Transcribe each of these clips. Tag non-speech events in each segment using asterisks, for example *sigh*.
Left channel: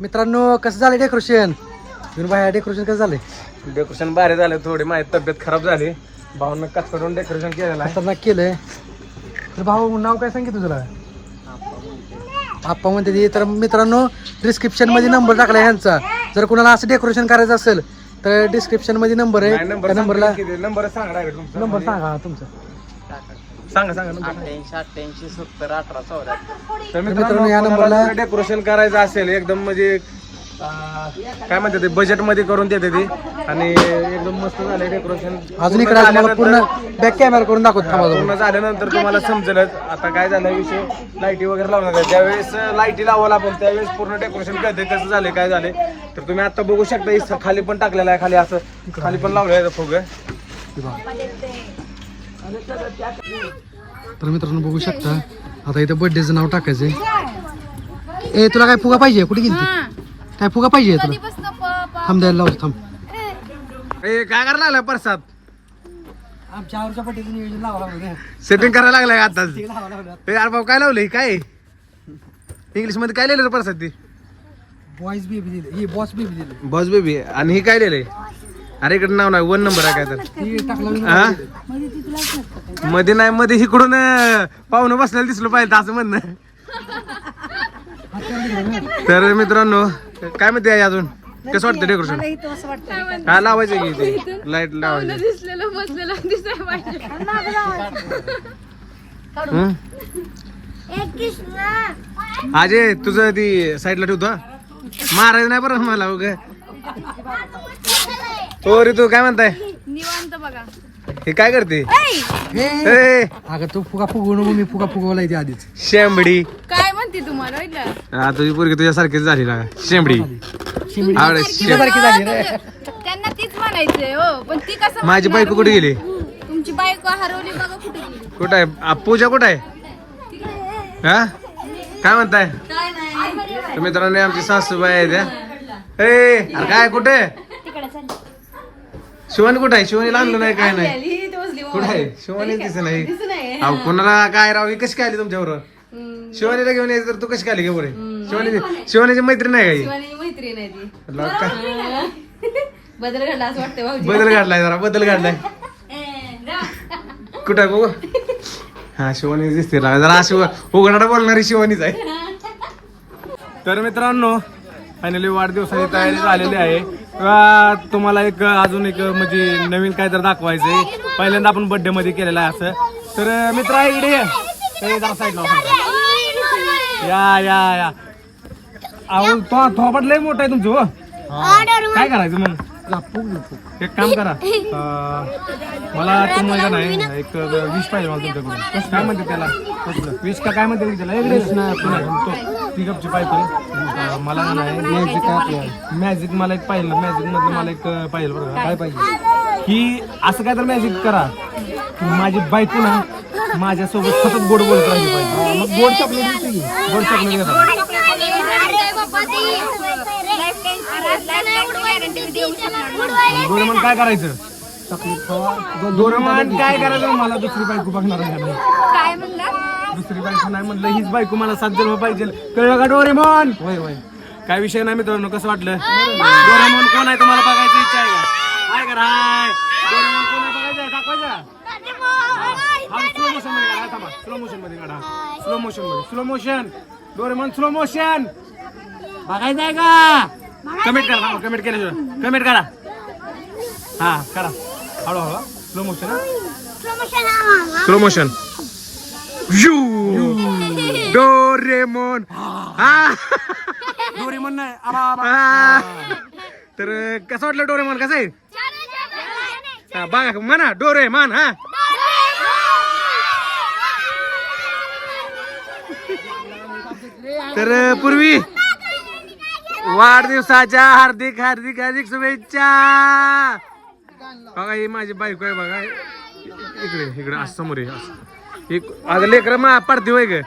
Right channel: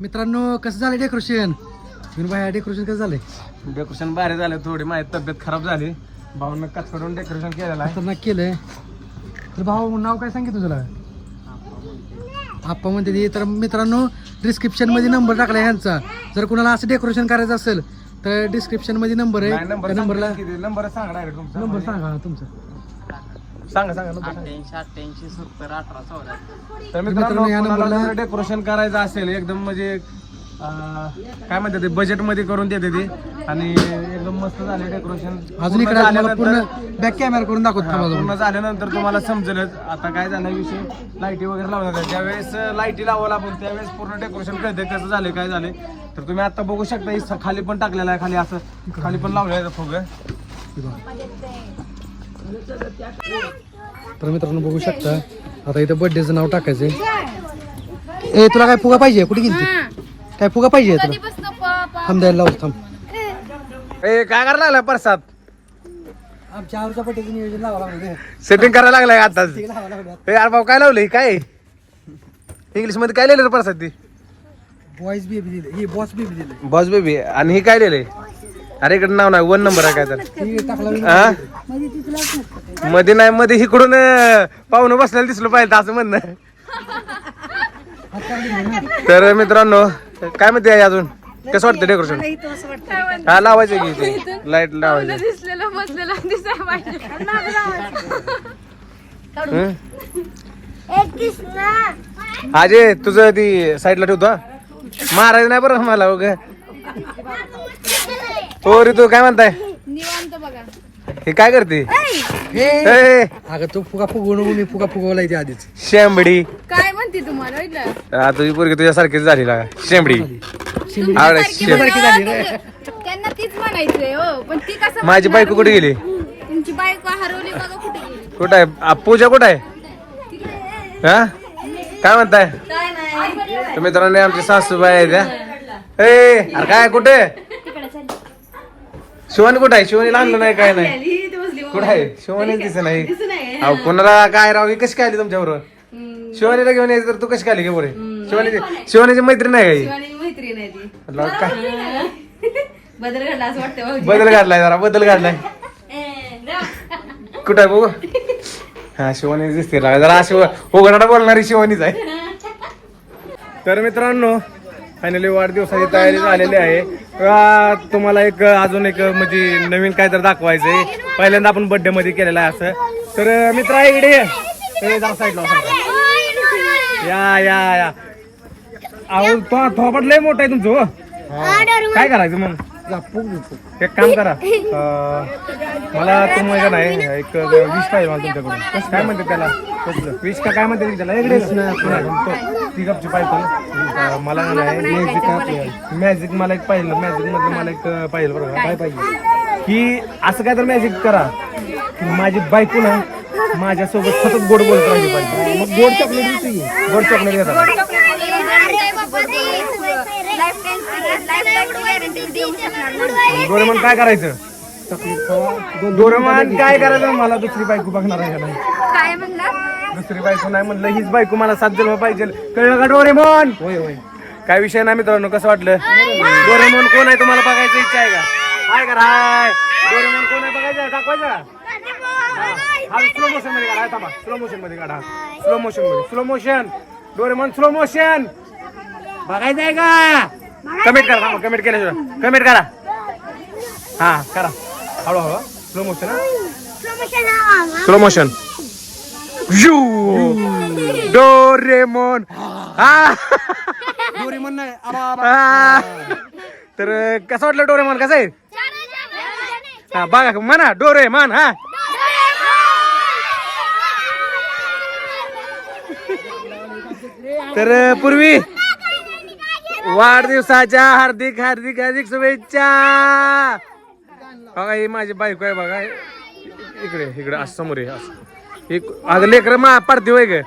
मित्रांनो कसं झालं डेकोरेशन भाई डेकोरेशन कसं झालंय? डेकोरेशन बाहेर झालं थोडी माझी तब्येत खराब झाली. भाऊन कटकडून डेकोरेशन केलेलं आहे. खतरनाक केलंय. तर भाऊ नाव काय सांगितलं तुला? आप्पा म्हणते ती. तर मित्रांनो डिस्क्रिप्शनमध्ये नंबर टाकला यांचा जर कोणाला असं डेकोरेशन करायचं असेल तर डिस्क्रिप्शनमध्ये नंबर आहे. नंबर नंबरला नंबर सांगा direct तुमचा. नंबर सांगा तुमचा. सांगा सांगा number. अठ्ठ्याऐंशी अठ्ठ्याऐंशी सत्तर अठरा चौऱ्याहत्तर. तर मित्रांनो, या नंबरला- डेकोरेशन करायचं असेल एकदम म्हणजे काय म्हणते ते बजेटमध्ये करून देते ती. आणि एकदम मस्त झाले डेकोरेशन अजून इकडे पूर्ण बॅक कॅमेरा करून दाखवत थांबा पूर्ण. झाल्यानंतर तुम्हाला समजेलच. आता काय झालं विषय? लाईटी वगैरे लावणार आहे ज्यावेळेस लाईटी लावायला आपण त्यावेळेस पूर्ण डेकोरेशन कळते कसं झालं काय झाले तर तुम्ही आता बघू शकता इथं खाली पण टाकलेलं आहे खाली असं. खाली पण लावलं आहे फुग. तर मित्रांनो बघू शकता. आता इथं बर्थडेचं नाव टाकायचंय. ए तुला काय फुगा पाहिजे? कुठे गेली ती? काय फुगा पाहिजे तुला? थांब द्यायला लावतो थांब. ए काय करायला लागला प्रसाद? आमच्या नियोजन लावा सेटिंग करायला लागलाय आताच लागलं ए यार भाऊ काय लावलंय? काय? इंग्लिशमध्ये काय लिहिलं प्रसाद ती? बॉईज बेबी दिले ही बॉस बेबी दिले बॉस बेबी आणि ही काय लिहिलंय? अरे इकडे नाव नाही वन नंबर आहे काय तर. ही? मध्ये नाही मध्ये इकडून पाहुणं बसलेलं दिसलं पाहिजे असं म्हणणं. तर मित्रांनो काय म्हणते आई अजून? कसं वाटतं डेकोरेशन हा लावायचं की ते लाइट लावायचं. हं? अजय तुझं ती साईडला ठेवतो? मारायचं नाही बरं मला बघ हो रे तू काय म्हणताय? निवांत बघा. हे काय करते? ए, अगं तू फुगा फुगवू नको मी फुगा फुगवला इथे आधीच. शेंबडी. काय म्हणते तुम्हाला ऐकलं आ, तुझी पोरगी तुझ्यासारखीच झाली लागा शेंबडी. आवड सारखी झाली रे त्यांना तीच म्हणायचे हो. पण ती कसं माझी बायको कुठे गेली? तुमची बायको हरवली बघा कुठे गेली? कुठं आहे? आ, पूजा कुठं आहे? हा? काय म्हणताय? काय नाही. तर मित्रांनो आमची सासूबाई आहे त्या ए अरे काय कुठे? शिवानी कुठं आहे? शिवानीला आणलं नाही काय नाही. कुठं आहे? शिवानी दिसत नाही. अहो कोणाला काय राव ही कशी काय आली तुमच्या बरोबर शिवानीला घेऊन यायचं तर तू कशी काय आली बरोबर शिवानी शिवानीची मैत्रीण नाही काही मैत्रीण आहे ती. म्हटलं, काय? बदल घडला. असं वाटतं भाऊजी. बदल काढलाय जरा बदल काढलाय कुठं आहे बघू? हा शिवानी दिसते. जरा अशी उघडाटा बोलणारी शिवानीच आहे. *laughs* तर मित्रांनो फायनली वाढदिवसाची तयारी झालेली आहे. तुम्हाला एक अजून एक म्हणजे नवीन काय तर दाखवायचं आहे पहिल्यांदा आपण बर्थडे मध्ये केलेलं आहे असं. तर मित्र इकडे. ए, जरा साईड लावा या या या. अहो तो थोपट लय मोठा आहे तुमचं हो. काय करायचं मग? एक काम करा. *laughs* अं, मला तुम्हाला नाही एक विष पाहिजे मला तुमच्याकडून. काय म्हणते त्याला? विष का काय म्हणते त्याला? इकडे ती गपची पाहिजे अं, मला का नाही मॅजिक मॅजिक मला एक पाहिलं मॅजिक मधलं मला एक अं, पाहिजे बरं का. काय पाहिजे? की असं काय तर मॅजिक करा. की माझी बायको ना माझ्यासोबत सतत गोड बोलत राहिली पाहिजे. मग गोड चॉकलेट गोड चॉकलेट येतात डोरेमॉन काय करायचं? डोरेमॉन काय करायचं? मला दुसरी बायको बघणार आहे का नाही? काय म्हणला दुसरी बायको नाही म्हणलं हीच बायको मला सात जन्म पाहिजे. कळलं का डोरेमॉन? होय होय. काय विषय नाही मित्रांनो कसं वाटलं? डोरेमॉन कोण आहे तुम्हाला बघायचं इच्छा आहे का? हाय का हाय डोरेमॉन कोण आहे बघायचं? दाखवायचं. हा स्लो मोशनमध्ये काढा. थांबा स्लो मोशनमध्ये काढा. Slow मोशनमध्ये. Slow motion Doraemon slow motion बघायचं आहे का? कमेंट करा थांबा कमेंट केल्याशिवाय. कमेंट करा. हा करा. हळूहळू slow motion slow motion Doraemon हा. डोरेमॉन नाही. तर कसं वाटलं डोरेमॉन कसं आहे? हा बघा म्हणा डोरेमॉन हा. तर पूर्वी वाढदिवसाच्या हार्दिक हार्दिक हार्दिक शुभेच्छा. बघा ही माझी बायको आहे बघा. इकडे इकडे असं समोर आहे असं. एक अगं लेकर मा पडते होय ग.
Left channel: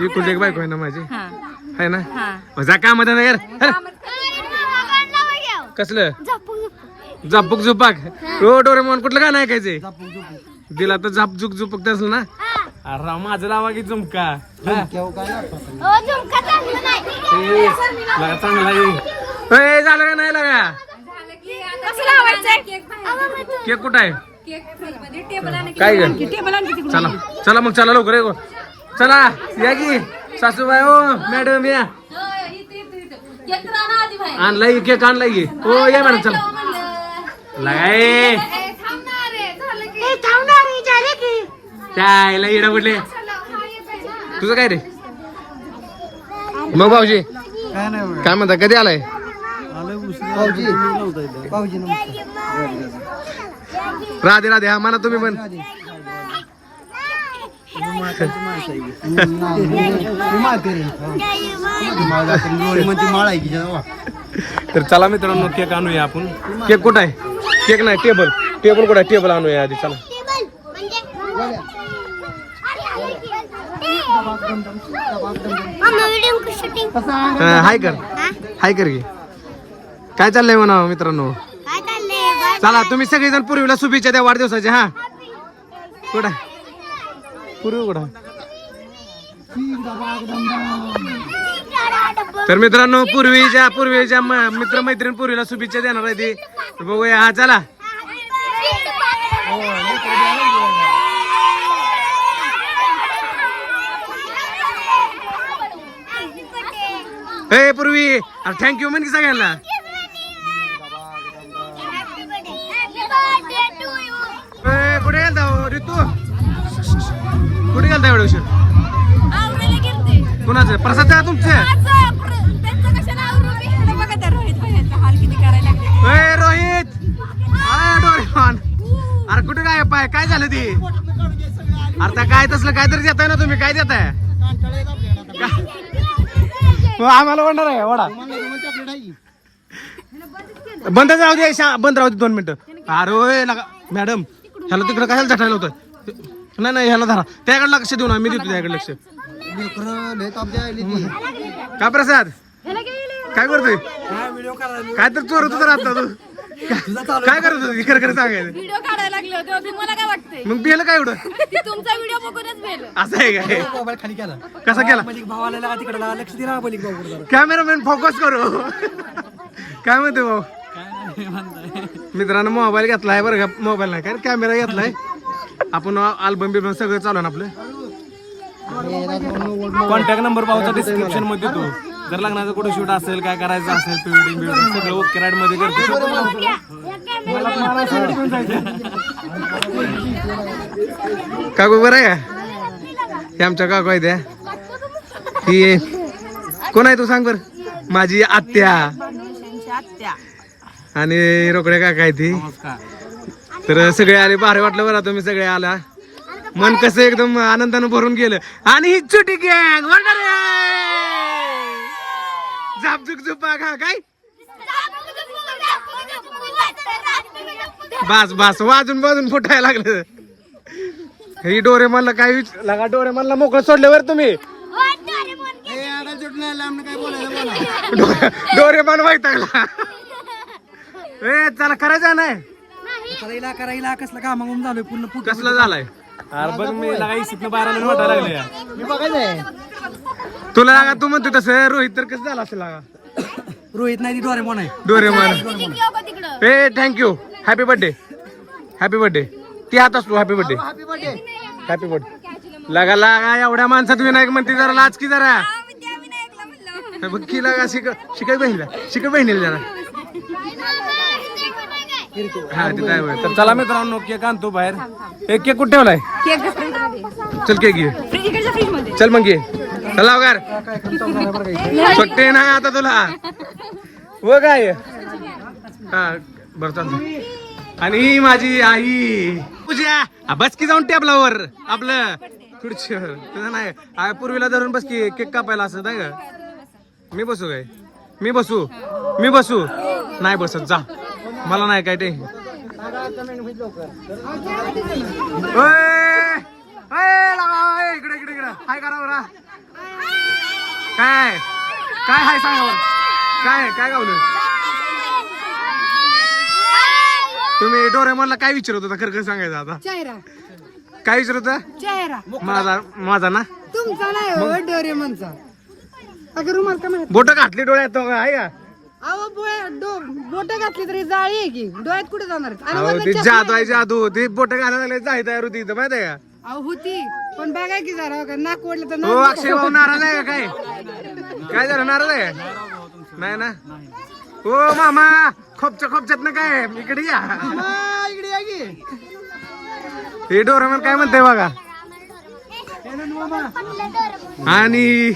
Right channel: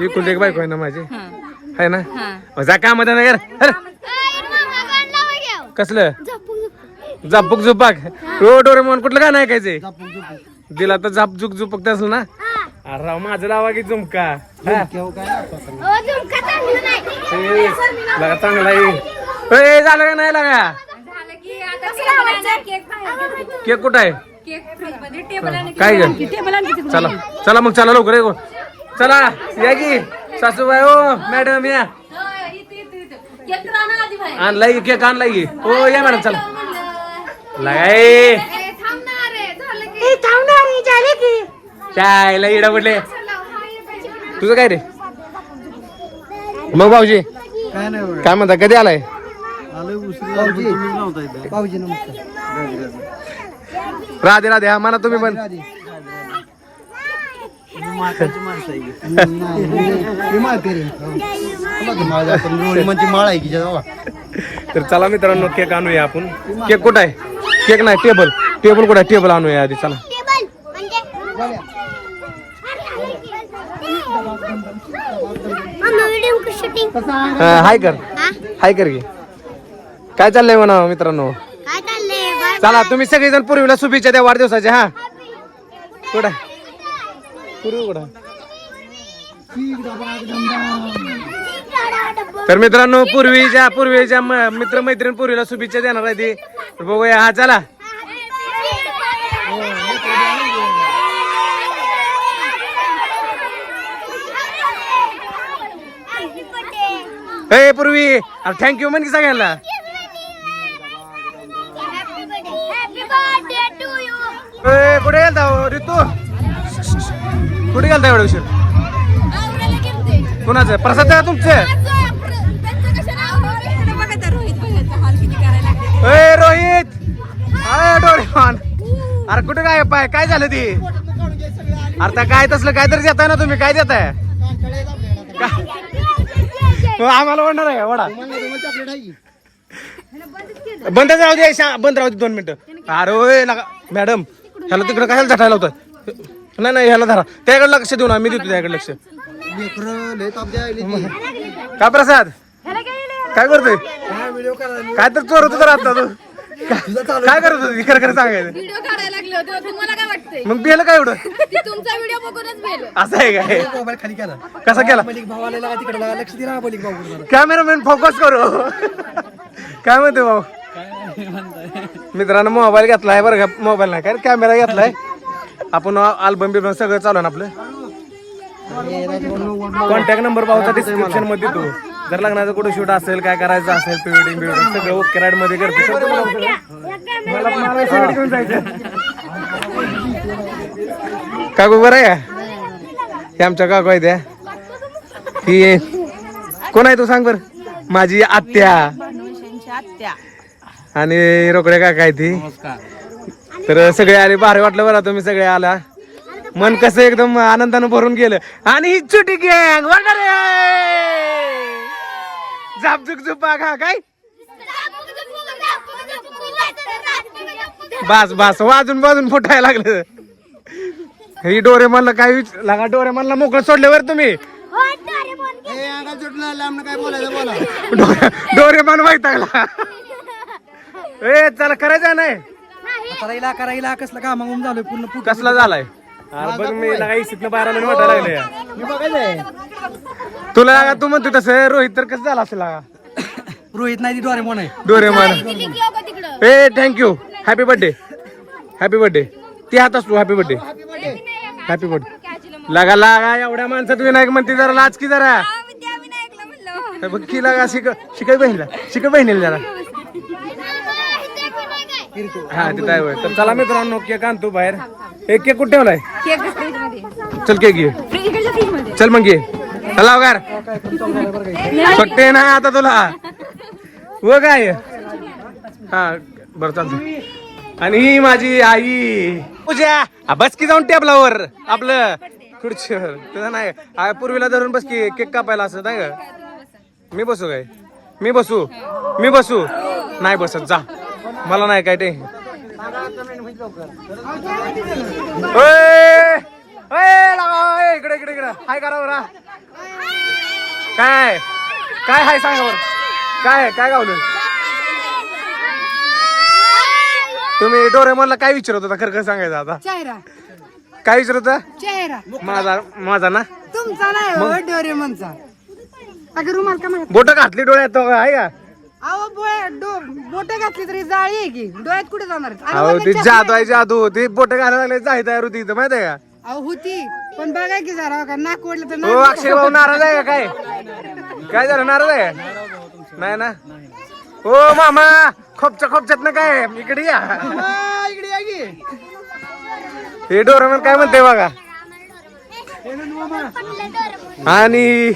इकडे एक बायको आहे ना माझी? आहे ना? जा काम कर कसलं? झापूक झुपाक रो डोरेमॉन कुठलं गाणं ऐकायचंय? दिला तर झाप झुक झुपक असलं ना? अरे राव माझं लावा की झुमका? हा? ए, लगा चांगला ए, झालं का नाही लागा? केक कुठं आहे? काय? चला चला मग चला लवकर ये. चला या की. सासूबाई ओ मॅडम या. आणलाय केक आणलाय की. हो या मॅडम चला. लगाय चायला इडा कुठले तुझं काय रे? मग भाऊजी काय नाही बघा. काय म्हणता कधी आलाय? भाऊजी भाऊजी नमस्कार. राधे राधे हा म्हणा तुम्ही पण. माहिती *laughs* रे. माळ आहे? की तर चला मित्रांनो केक आणूया आपण. केक कुठं आहे? केक नाही टेबल. टेबल कुठं आहे? टेबल आणूया आधी चला. हाय कर. हाय कर घे काय चाललंय म्हणा मित्रांनो? चला तुम्ही सगळेजण पूर्वीला शुभेच्छा द्या वाढदिवसाच्या हा? कुठं? पूर्वी कुठं? तर मित्रांनो पूर्वीच्या पूर्वीच्या मित्र मैत्रीण पूर्वीला शुभेच्छा देणार आहे ती. बघूया हा चला. हे पूर्वी. अरे थँक्यू म्हण की सगळ्यांना. ए, कुठे गेलता हो, ऋतू कुठे गेलता एवढ्या उशीर? कुणाचं? प्रसाद आहे तुमचे? ए रोहित. अरे डोरेमॉन. अरे कुठे काय पाय काय झालं ती? अरे त्या काय तसलं काय तरी देताय ना तुम्ही. काय देताय? आम्हाला म्हणणार आहे वडा. बंद राहू दे शा- बंद राहू दे दोन मिनिटं. अरे ओय मॅडम ह्याला तिकडे काय झटायला होतं? नाही नाही ह्याला धरा. त्याकडे लक्ष देऊ ना मी देतो त्याकडे लक्ष. लेकरं लय ताप द्यायली ती. प्रसाद? काय करतोय? काय तर चोर होता आता. तू काय करत होती? खरं खरं सांगायचं. व्हिडिओ काढायला लागले होते. तुम्हाला काय वाटतंय? मग बेल काय एवढं? ती तुमचा व्हिडिओ बघूनच बेल. असं आहे काय? मोबाईल खाली केला. कसा केला? भाऊ आलेला तिकडे. लागा, लक्ष दे ना बलिक भाऊ कॅमेरामॅन फोकस करू. काय म्हणते भाऊ? मित्रांनो मोबाईल घेतलाय बरं का? मोबाईल नाही. काय कॅमेरा घेतलाय? आपण अल्बम बिल्बम सगळं चालू ना आपलं? कॉन्टॅक्ट नंबर पाहूचा डिस्क्रिप्शनमध्ये देतो जर लग्नाचं कुठं शूट असेल काय करायचं असेल प्रिवेडिंग बिवेडिंग सगळं ओके राईडमध्ये करते करतो मला मला सगळं घेऊन जायचं. काकू बरं आहे का? हे आमच्या काकू आहे त्या ही. कोण आहे तू सांग बर? माझी आत्या. आणि रोकडे काका आहे ती तर सगळे आले भारी वाटलं बरं तुम्ही सगळे आला. मन कसं एकदम आनंदानं भरून गेलं. आणि ही छोटी गँग झुपा खा काय बास बास वाजून वाजून फुटायला लागलं. ही डोरे म्हणलं काय विच लागा डोरे म्हणलं मोकळं सोडल्यावर तुम्ही. काय बोलायचं बोला. डोरे मन वैतागला. ए चला करायचं नाही करायला करायला कसलं काम मागून झालोय पूर्ण फुट कसला झालाय? अरे बघ मी लागा इसितनं बाहेर आलो आणि वाटायला लागलं या मी बघायचंय. तुला लागा तू म्हणतो तसं. रोहित तर कसं झाला असेल लागा? रोहित नाही डोरे म्हणून आहे. Doraemon A thank you happy birthday happy birthday ती हात असतो हॅपी बर्थडे हॅपी बर्थडे लागा लागा एवढ्या माणसात विनायक म्हणते जरा लाच की जरा. हे बघ की लागा शिक शिकाय बहिणीला शिक बहिणीला जरा. हा आहे होय. तर चला मित्रांनो केक आणतो बाहेर. एक केक कुठे ठेवलाय? चल केक घे. चल मग घे. चला वगार सुट्टे ना आता तुला. हो व काय हा बरं चालतं आणि ही माझी आई. पूजा बस की जाऊन टेबलावर आपलं खुर्चीवर. तुला नाही पूर्वीला धरून बस की केक कापायला असं नाही का? मी बसू काय? मी बसू? मी बसू? नाही बसत जा. मला नाही काय ते ओय! इकडे इकडे इकडे. हाय करा बरा काय? काय हाय सांगा बरं. काय काय गावलं? तुम्ही डोरेमोनला काय विचारत होता? खरं खरं सांगायचं आता. चेहरा. काय विचारत होता? चेहरा. माझा माझा ना? तुमचा नाही हो डोरेमनचा. अगं रुमाल का म्हणत बोट घातली डोळ्यात तो आहे का? अहो बोट घातली तरी जाळी आहे की? डोळ्यात कुठे जाणार? अहो ती जादू आहे जादू ती बोट घालायला लागले जाही तयार होती इथं माहिती आहे का? अहो होती. पण बघा की जरा का? नाक ओढलं तर हो नाक अक्षय भाऊ नाराज आहे का काय? काय झालं नाराज आहे? नाही ना? हो मामा खोपच्या खोपच्यात ना काय? इकडे या. हा, इकडे या की हे डोरेमन काय म्हणते बघा आणि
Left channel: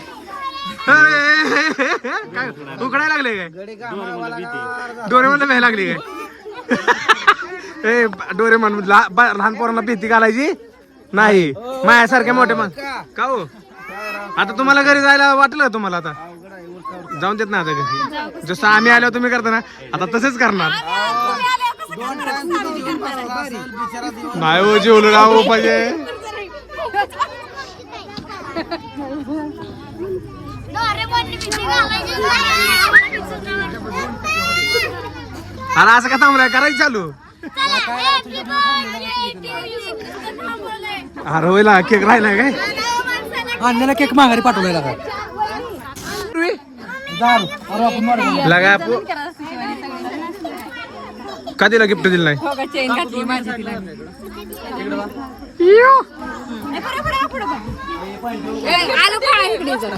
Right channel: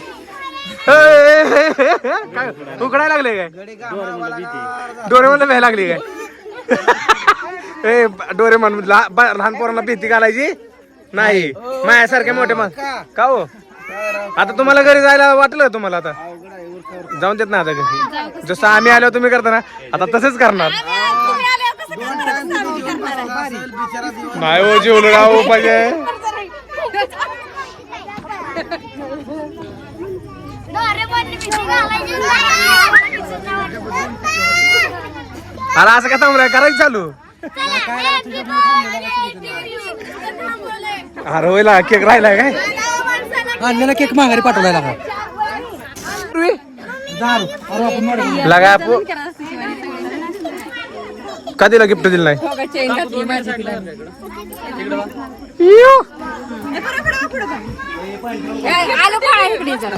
काय? उकडायला लागले काय? डोरेमनला भ्यायला लागली काय? *laughs* ए डोरेमन लहा- बा- लहान पोरांना भीती घालायची? नाही माझ्यासारखे मोठे मग का हो आता तुम्हाला घरी जायला वाटलं तुम्हाला आता जाऊन देत ना आता घरी जसं आम्ही आलो तुम्ही करता ना आता तसंच करणार? नाही हो जेवलो राव पाहिजे अरे असं का थांबलाय करायचं चालू होईला केक राहिलाय काय? आणलेला केक माघारी पाठवलाय लागला लागा का दिला गिफ्ट दिलं नाही इयो. आलो का इकडे जरा.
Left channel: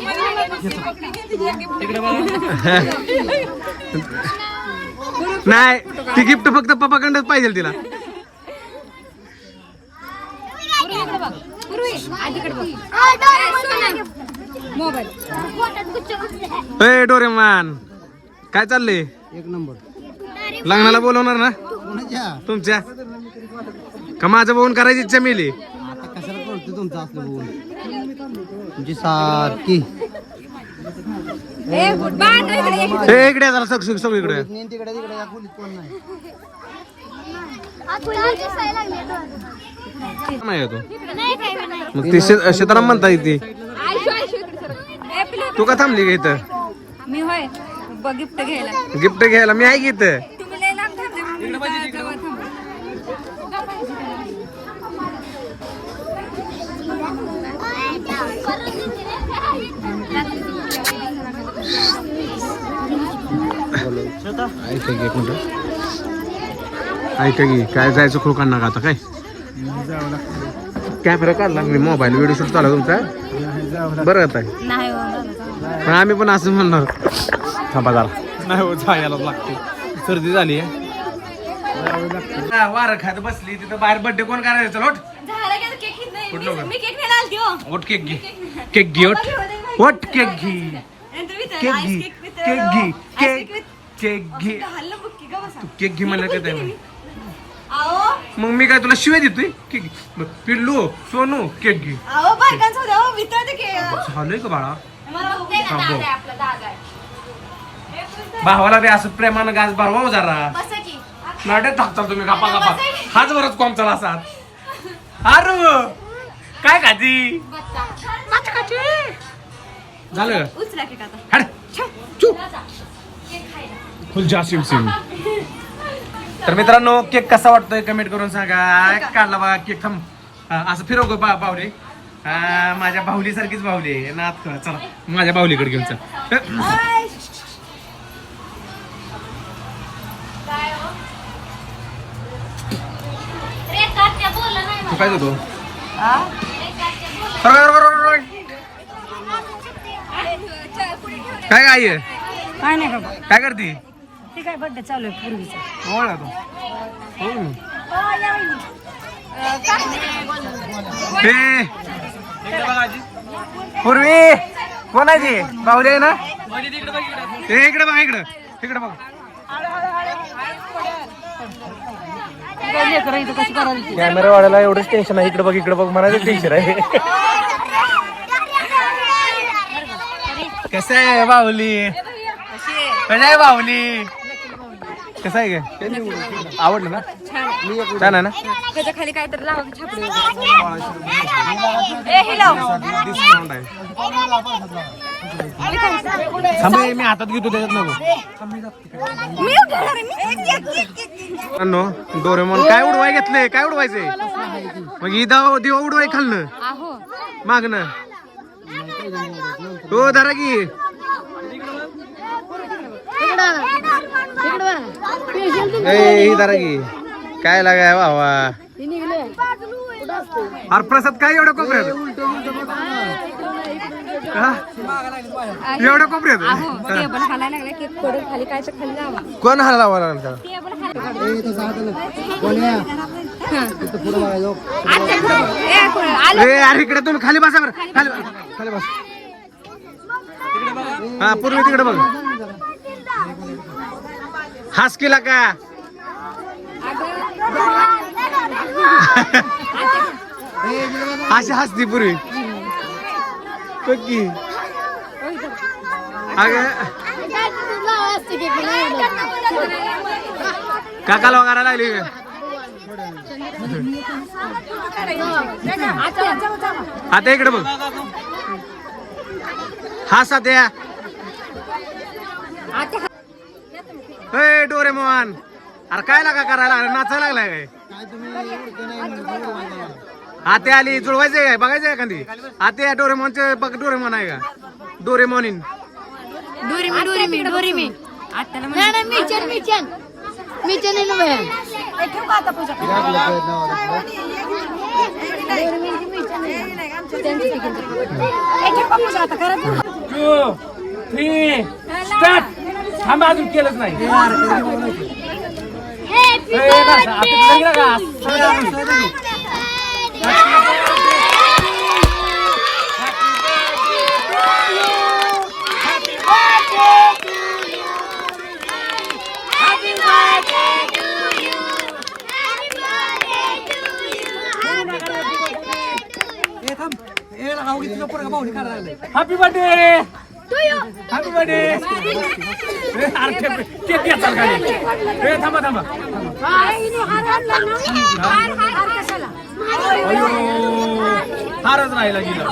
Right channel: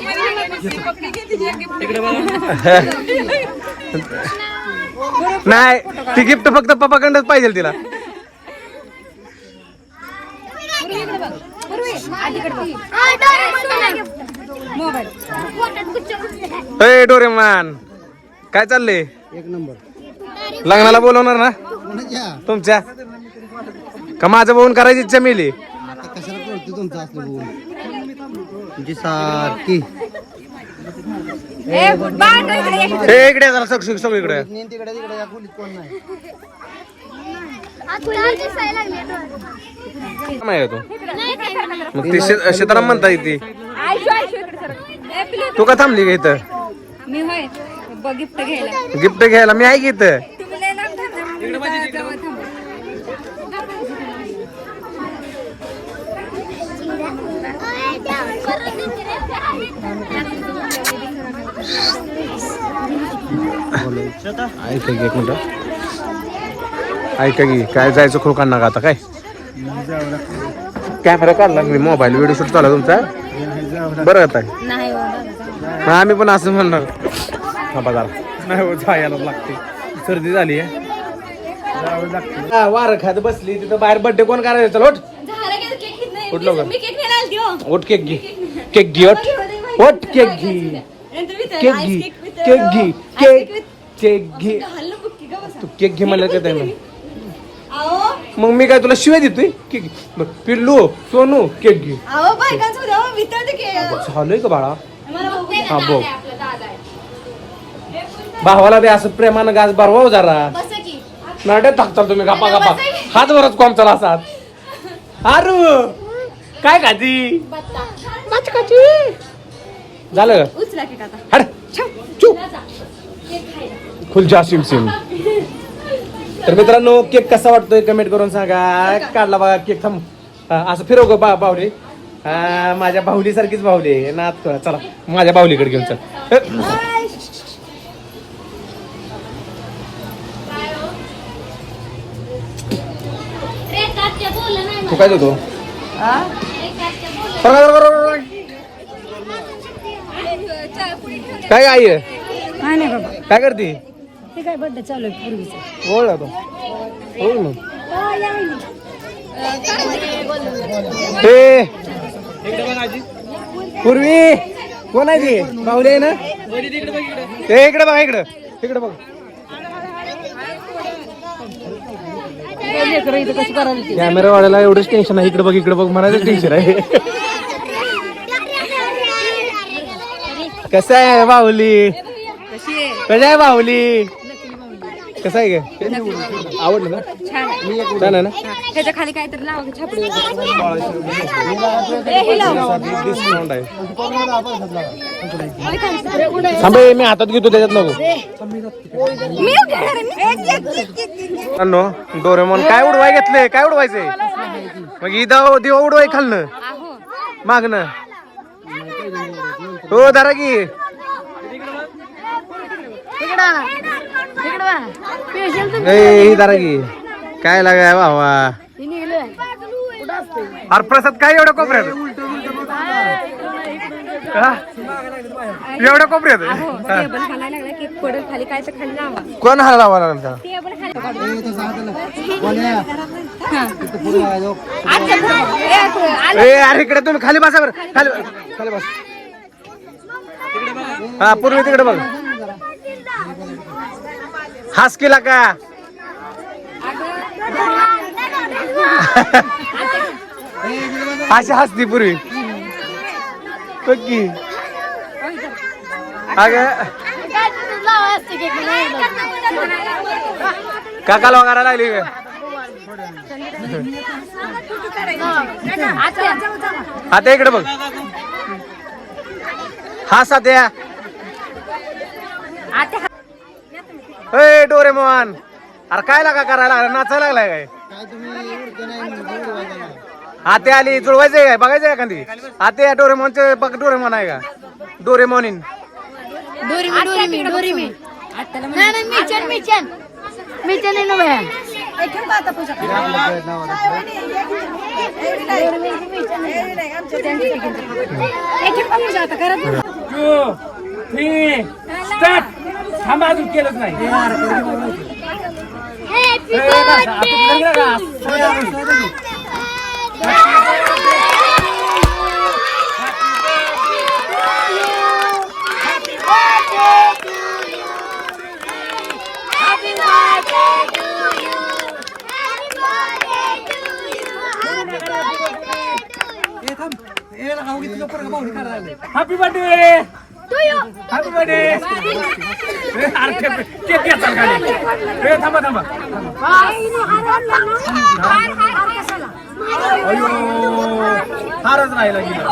नाही? ती गिफ्ट फक्त पप्पाकडनंच पाहिजे तिला. डोरेमान काय चाललंय? एक नंबर. लग्नाला बोलवणार ना? कोणाच्या तुमच्या? का माझं बघून करायची इच्छा मिली? आता कशाला तुमचं असलं बघून? तुमची सारखी. इकडे. हे जरा सग सग सगळं तिकडे तिकडे कोण नाही. नाही मग ती शेताराम म्हणता येते तू. का थांबली इथं? मी होय. गिफ्ट घ्यायला. गिफ्ट घ्यायला. मी आहे की एक मिनिट. ऐका की काय जायचं खो काढणार का आता काय? कॅमेरा काढला मी मोबाईल व्हिडिओ शूट चालू तुमचा. बरं आता. नाही हो, दादा. हा आम्ही पण असं म्हणणार. थांबा जरा. नाही हो जायला लागते. सर्दी झाली आहे. हा, वारं खात बसली तिथं बाहेर बर्थडे कोण करायचं? चल ओट झालं की आता केक घेत नाही. कुठलं? मी केक न्यायला आलती हो. ओट केक घे. केक घे ओट ओट केक घे. नंतर विचारलं, केक ice घे. केक घे. केक with- केक घे. हल्लं बघ की, गं बसा. तू केक घे म्हणलं का मग मी काय तुला शिवाय देतोय? केक घे. बघ, पिल्लू सोनू केक घे. अहो, बायकांचं होतं, हो, की, झालंय का बाळा? मला ना, हा, दादा बोल. आहे आपला, दादा आहे. भावाला बी असं प्रेमानं गाज भरवाव जरा. बसा की. नाट्यात तुम्ही गप्पा गप्पा. हात वरच कॉम चला असात. अरे काय खाती. झालं? उचला केक आता. हड चुप. खुलजा सिम सिम. तर मित्रांनो केक कसा वाटतोय कमेंट करून सांगा. काढला बघा केक थांब हा, असं फिरव ग बा बाहुली हा माझ्या बाहुली सारखीच बाहुली आहे. नात चला माझ्या बाहुलीकडे घेऊन चल. तू काय देतो काय आई आहे? काय नाही बाबा. काय करते? ते काय बड्डे चालू आहे पूर्वीचा. ओळला तो. हो ना हे. पूर्वी. कोण आहे ती? आहे ना? हे इकडे बघा इकडं. इकडे बघ. कॅमेरावाल्याला एवढंच टेन्शन आहे. इकडे बघ इकडे बघ मला टेन्शन आहे. कसं आहे बाहुली? कशी आहे? कशा आहे बाहुली? कसं आहे काय आवडलं ना? छान आहे. ना? ह्याच्या खाली काय तर लावा छापडी डिस्काउंट आहे थांबे मी हातात घेतो त्याच्यात नको. मित्रांनो डोरेमॉन काय उडवाय घेतले? काय उडवायचंय मग ही दाव दिवा उडवाय खाल्लं मागणं हो धरा की. ही की। काय लागाय भावा? अरे प्रसाद काय एवढ्या कोपऱ्यात? एवढ्या कोपऱ्यात? हा. लावा. कोण हा. ए अरे इकडे तुम्ही खाली बसा बरं. खाली खाली बस. हा पूर्वी तिकडे बघ. हास केला का? अशी हसती पूर्वी. पक्की अग. काकाला वगैरे लागली आता इकडे बघ. हा साध्या ए डोरेमोहन अरे काय लागा करायला? लागला नाचायला लागलाय काय? आते आली जुळवायचंय काय? बघायचंय एखादी? आते डोरेमोनचे बघ डोरेमोन आहे का? डोरेमोनिन. डोरी मी डोरी मी डोरी मी आत्याला नाही नाही मिचन मिचन. मिचन थांबा अजून केलंच नाही. Happy birthday happy birthday cake घेतात खाली ए थांबा थांबा। अयो फारच राहिला गेला.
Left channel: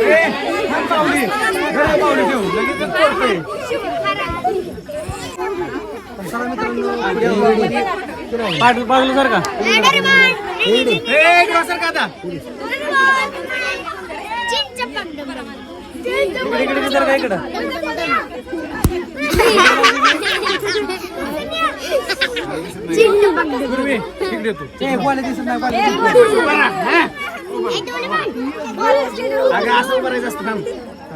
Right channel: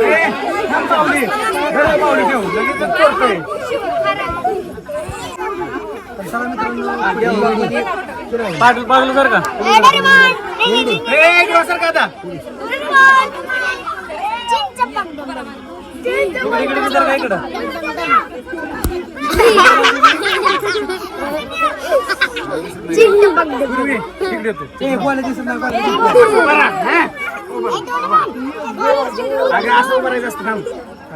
ए, थांब पावली. घरा पावली ठेव. लगेच करतोय पाठ पावली सर का? सर का आता पूर्वी तू? अगं असं असतं थांब.